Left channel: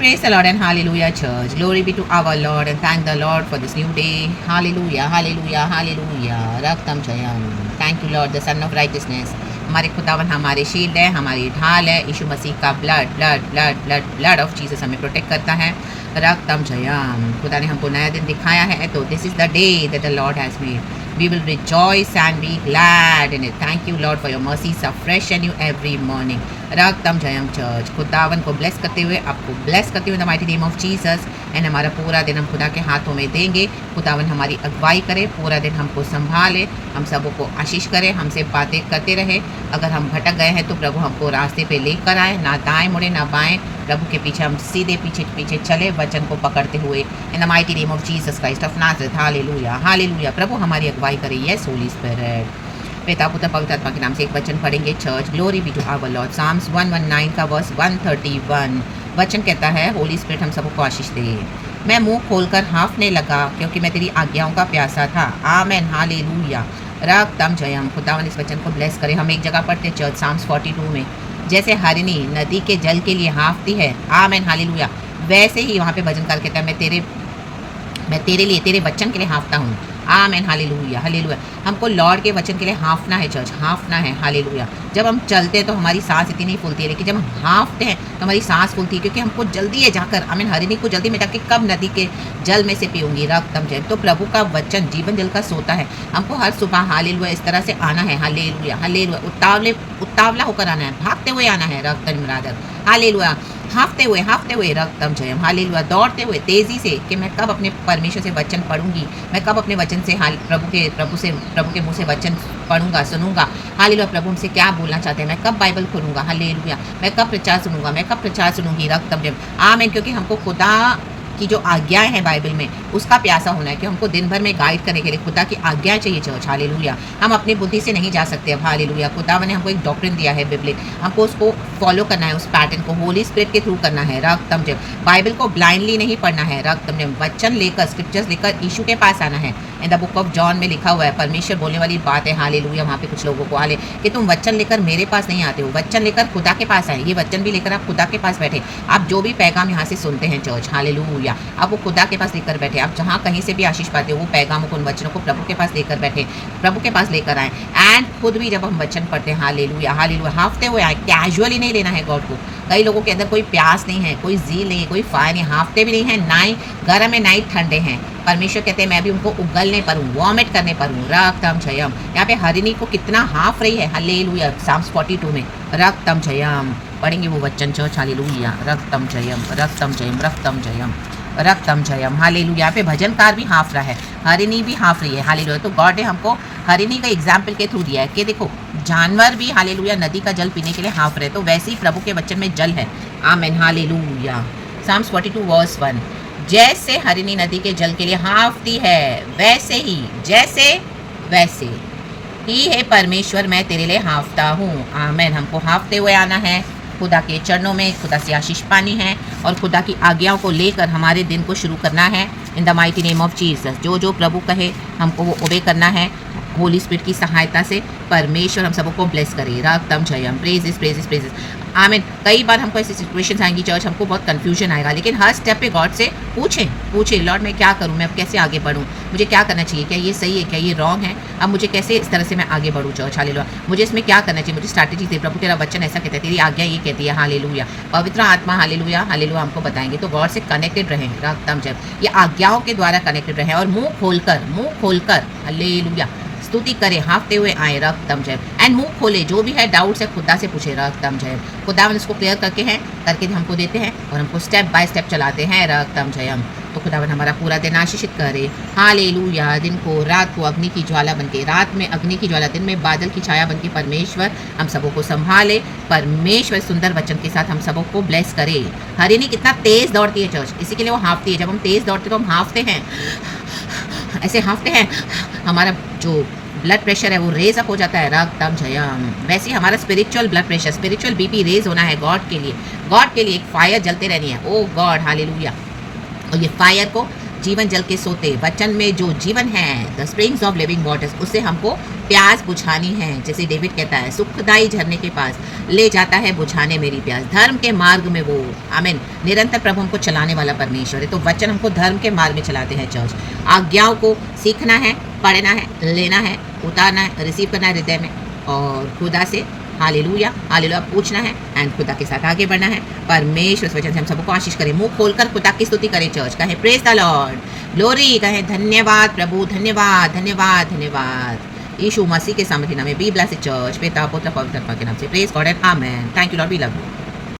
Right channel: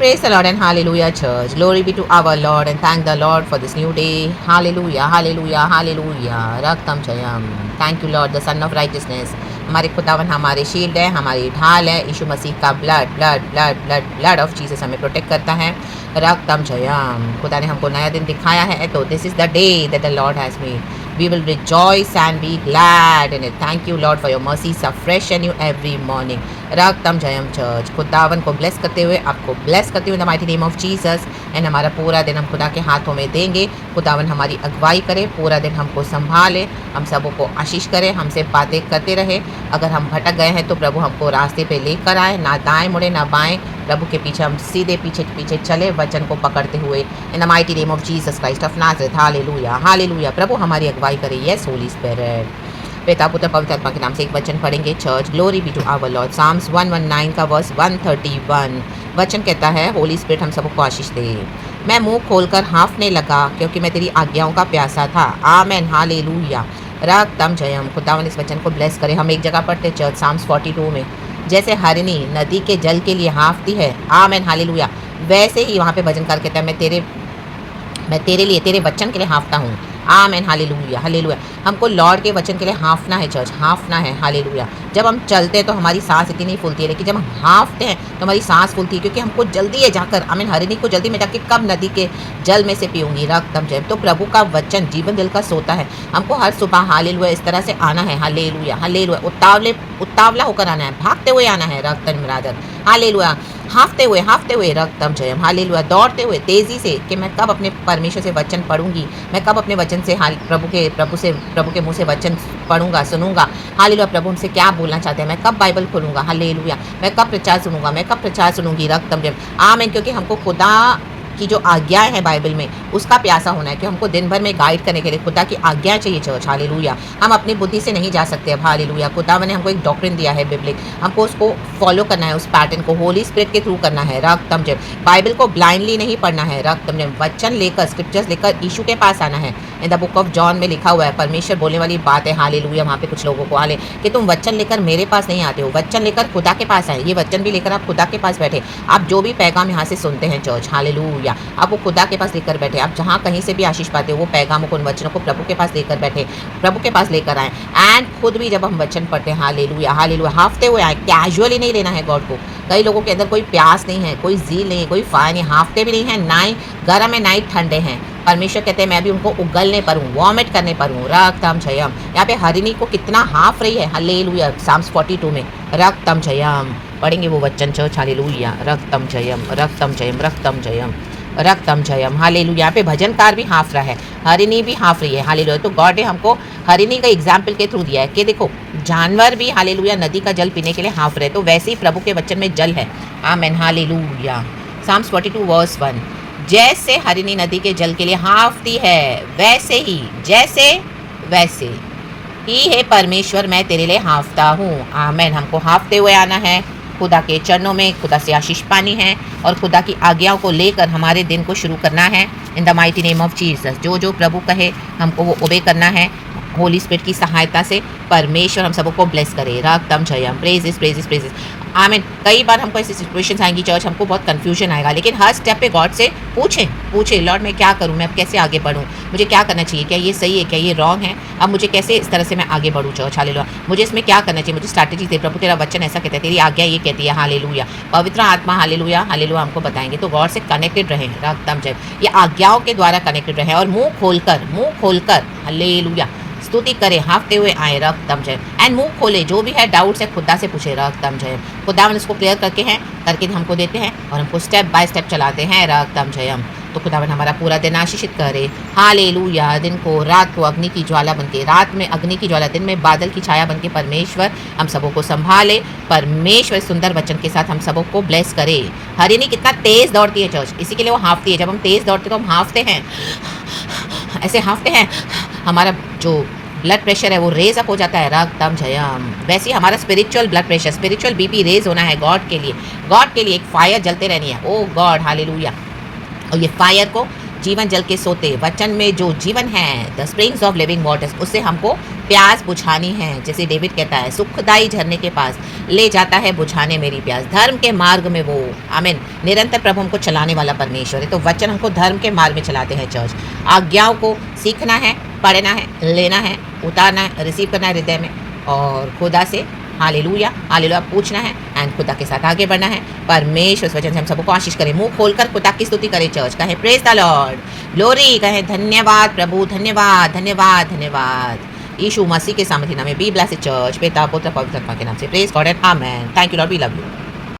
Praise the Lord and hallelujah, church. Glory be to our Lord and thank the Lord for this new day. Hallelujah, hallelujah, hallelujah. Raktam Jayam. Thank you, Lord, the Son of Righteousness. हमारे खुदावन हमारे shield है, हमारी ढाल है। यीशु मसीह का blood blood blood blood blood of Jesus हमें protect करता है। रक्तम जयम। खुदा ने हमको नया दिन दिखाया है, तो this is the day that the Lord has made. We will rejoice and be glad in it. Thank you, Lord, for your mercies are fresh and new every morning. रक्तम जयम चर्च. खुदावन को ब्लेस करते हुए, आपको bless करते हुए the mighty name of Jesus. And हमारा पूरा दिन हम खुदा के हाथों में देंगे. खुदावन हमारी अगुवाई करे, पूरा दिन हमको संभाले, हम सबों को आशीष करे, हमसे बातें करते रहे. अगर हम भटक गए हैं तो प्रभु हमको रास्ते पे लेकर आए, ना दाएं मुड़े ना बाएं. प्रभु के पीछे हम सीधे पीछे पीछे चले, वचन को पकड़ते हुए. In the mighty name of Jesus Christ of Nazareth. Hallelujah, hallelujah. प्रभु हमारी अगुवाई करे. Yes Holy Spirit. पिता पुत्र पवित्र आत्मा के नाम से एक वचन पढ़ेंगे church. Glory be to our Lord. Psalms 119 का वर्स 131. वचन कहता है, होली स्पिरिट हम सबको आशीष दे. मैं मुंह खोलकर हाँफने लगा क्योंकि मैं तेरी आज्ञाओं का प्यासा था. आमेन, हालेलुया. रक्तम जयम. खुदावन इस वचन को ब्लेस करें. हम एक जगह पढ़ते चर्च साम्स 42 में, जैसे हरिणी नदी के जल के लिए हाँफती है. Amen, hallelujah. वैसे ही वहाँ पे भजनकार कहता है, मैं तेरे लिए, तेरे वचन के लिए हाँफता हूँ. आमेन, हालेलुया, हालेलुया. हमको लॉर्ड के वचन के लिए हाँफना है चर्च, हाँफना है. हालेलुया. जब हम चलते हैं तो हमारी सांस इतनी नहीं फूलती है, लेकिन जब हम हाँफते हैं तो हमारी सांस फूलती है, क्योंकि हमको जल्दी है जाकर, आमीन, हरिणी को जल्दी में जाके कब नदी के जल में से पीऊँगी. रक्तम जय. तो प्रभु का वचन जीवन जल का सोता है. हमको हर सुबह हालेलुया इस तरह से आना है. Hallelujah, hallelujah. उतावला होकर आना है, भागते हुए आना है. रक्तम ब्रदर. हालेलुया. हाँफते हुए रक्तम जयम. हालेलुया. दौड़ते हुए तेज़ी से कि मैं कब अपने परमेश्वर से वचन पढ़ूंगी, मैं कब अपने वचन से प्रभु के मुंह से वचन पढ़ूंगा, सुनूंगा. हालेलुया. प्रभु हमसे क्या बोलना चाहते हैं, मैं कब बाइबल खोलूंगा. हालेलुया. मैं कब प्रचार सुनूंगा, मैं कब प्रचार सुनूंगी. रक्तम जयम. आमीन. क्योंकि हमको खुदा की जो आज्ञाएं हैं बाइबल में, उसका प्यासा होना है कि हमको दिन भर में गाइड करने के लिए खुदा की आज्ञाएं चाहिए चर्च. हालेलुया. हम अपनी बुद्धि से नहीं जा सकते अब. हालेलुया. खुदा ने हमको एक डॉक्ट्रिन दिया है बिब्लिक, हमको उसको फॉलो करना है, उस पैटर्न को होली स्पिरिट के थ्रू करना है. रक्तम जय. बाइबल को ब्लाइंडली नहीं पढ़ना है. रक्तम जय. वचन लेकर, स्क्रिप्चर्स लेकर यीशु के पास आना है. In the book of John में लिखा हुआ है, परमेश्वर बोलने वाली बात है. हालेलुया. वहाँ पे कुछ लोगों को हाले कि तुम वचन लेकर मेरे पास नहीं आते हो, वचन लेकर खुदा के पास आए. ये वचन भी लेकर आप खुदा के पास बैठे. आप जो भी पैगाम यहाँ से सुनते हैं चर्च, हालेलुया, आप वो खुदा के पास लेकर बैठे. आप जहाँ कहीं से भी आशीष पाते हो, वो पैगामों को, उन वचनों को प्रभु के पास लेकर बैठे, प्रभु के पास लेकर आए. एंड खुद भी जब हम वचन पढ़ते हैं, हालेलुया, हालेलुया, हाँफते हुए आए. कैजुअली नहीं लेना है गॉड को. कई लोगों के अंदर कोई प्यास नहीं है, कोई जील नहीं है, कोई फायर नहीं, हाँफते भी नहीं है, ना ही गर्म है ना ही ठंडे हैं. परमेश्वर कहते हैं मैं भी उनको उगलने पर हूँ, वॉमिट करने पर हूँ. रक्तम जयम. यहाँ पे हरिणी को कितना हाँफ रही है. हालेलुया. साम्स 42 में रक्तम जयम पढ़ेंगे वो वचन church. Hallelujah. रक्तम Jayam, रक्तम Jayam, रक्तम Jayam, रक्तम Jayam. Hallelujah. यहाँ पे भजनकार भी हाँफ रहा है, हरिणी भी हाँफ रही है. हालेलुया. तो गॉड ने हमको हरिणी का एग्जाम्पल के थ्रू दिया है कि देखो जानवर भी, हालेलुया, नदी का जल पीने के लिए हाँफ रहे. तो वैसे ही प्रभु के वचन में जल है. Amen, hallelujah. Psalms 42 verse 1. जैसे हरिणी नदी के जल के लिए हाँफती है, वैसे ही, जैसे वैसे ही है परमेश्वर, मैं तेरे लिए हाँफता हूँ. आमेन. हमको हाँफते हुए आना है, खुदा के चरणों में खुदा से आशीष पानी है और खुदा की आज्ञाओं को लेकर हमारे दिन को शुरू करना है. इन the mighty name of Jesus. जो जो प्रभु कहे हमको वो ओबे करना है. होली स्पिरिट की सहायता से परमेश्वर हम सबको ब्लेस करे. रक्तम जयम. Praises, praises, praises. आमीन. कई बार हमको ऐसी सिचुएशंस आएंगी चर्च, हमको बहुत कंफ्यूजन आएगा, लेकिन हर स्टेप पे गॉड से पूछें लॉर्ड मैं क्या करूं, मैं अब कैसे आगे बढ़ूं, मुझे क्या करना चाहिए, क्या ये सही है, क्या ये रॉन्ग है, अब मुझे कैसे इस तरह से मैं आगे बढ़ूं चर्च. हालेलुया. मुझे इसमें क्या करना चाहिए, मुझे स्ट्रैटेजी दे. प्रभु तेरा वचन ऐसा कहता है, तेरी आज्ञा ये कहती है. हालेलुया. पवित्र आत्मा, हालेलुया, हालेलुया, हमको बताएंगे. तो गॉड से कनेक्टेड रहें. रक्तम जय. ये आज्ञाओं के द्वारा कनेक्टेड रहें और मुँह खोलकर हालेलुया स्तुति करे, हाँफते हुए आए. रक्तम जय. एंड मुंह खोले, जो भी है डाउट्स है खुदा से पूछे. रक्तम जय. खुदावन इसको क्लियर करके हमको देते हैं और हमको स्टेप बाय स्टेप चलाते हैं. रक्तम जयम. तो खुदावन हमारा पूरा दिन आशीषित करे. हालेलुया. दिन को, रात को अग्नि की ज्वाला बनके, रात में अग्नि की ज्वाला, दिन में बादल की छाया बनके परमेश्वर हम सबों को संभाले. परमेश्वर सुंदर वचन के साथ हम सबों को ब्लेस करे. हरिणी कितना तेज दौड़ती है चर्च, इसी के लिए वो हाँफती है. जब हम तेज दौड़ते तो हम हाँफते हैं, ऐसे हाँफते हैं, हमारा जो ब्लड प्रेशर है वो रेज अप हो जाता है. रक्तम जयम. वैसे ही हमारा spiritual blood pressure, spiritual BP raise होना है. गॉड के लिए एक फायर जलते रहनी है. ओ गॉड, हालेलुया. और ये फायर को जीवन जल के सोते, वचन में जो जीवन है, the springs of living waters, उससे हमको प्यास बुझानी है। जैसे डेविड कहता है, सुखदाई झरने के पास ले जाता है बुझाने मेरी प्यास। धर्म के मार्ग में वो, आमीन, निरंतर प्रभु हमको चलाने वाला परमेश्वर है। तो वचन हमको धर्म के मार्ग में चलाते हैं चर्च। आज्ञाओं को सीखना है, पढ़ना है, लेना है, उतारना है, रिसीव करना है हृदय में, और खुदा से हालेलुया हालेलुया पूछना है एंड खुदा के साथ आगे बढ़ना है। परमेश्वर इस वचन से हम सबको आशीष करें। मुंह खोलकर खुदा की स्तुति करें चर्च। कहें प्रेज द लॉर्ड, ग्लोरी, कहें धन्यवाद प्रभु, धन्यवाद धन्यवाद धन्यवाद। यीशु मसीह के सामर्थ्य नाम में बी ब्लेस्ड चर्च, पिता पुत्र पवित्र आत्मा के नाम से praise God and amen. Thank you Lord, we love you.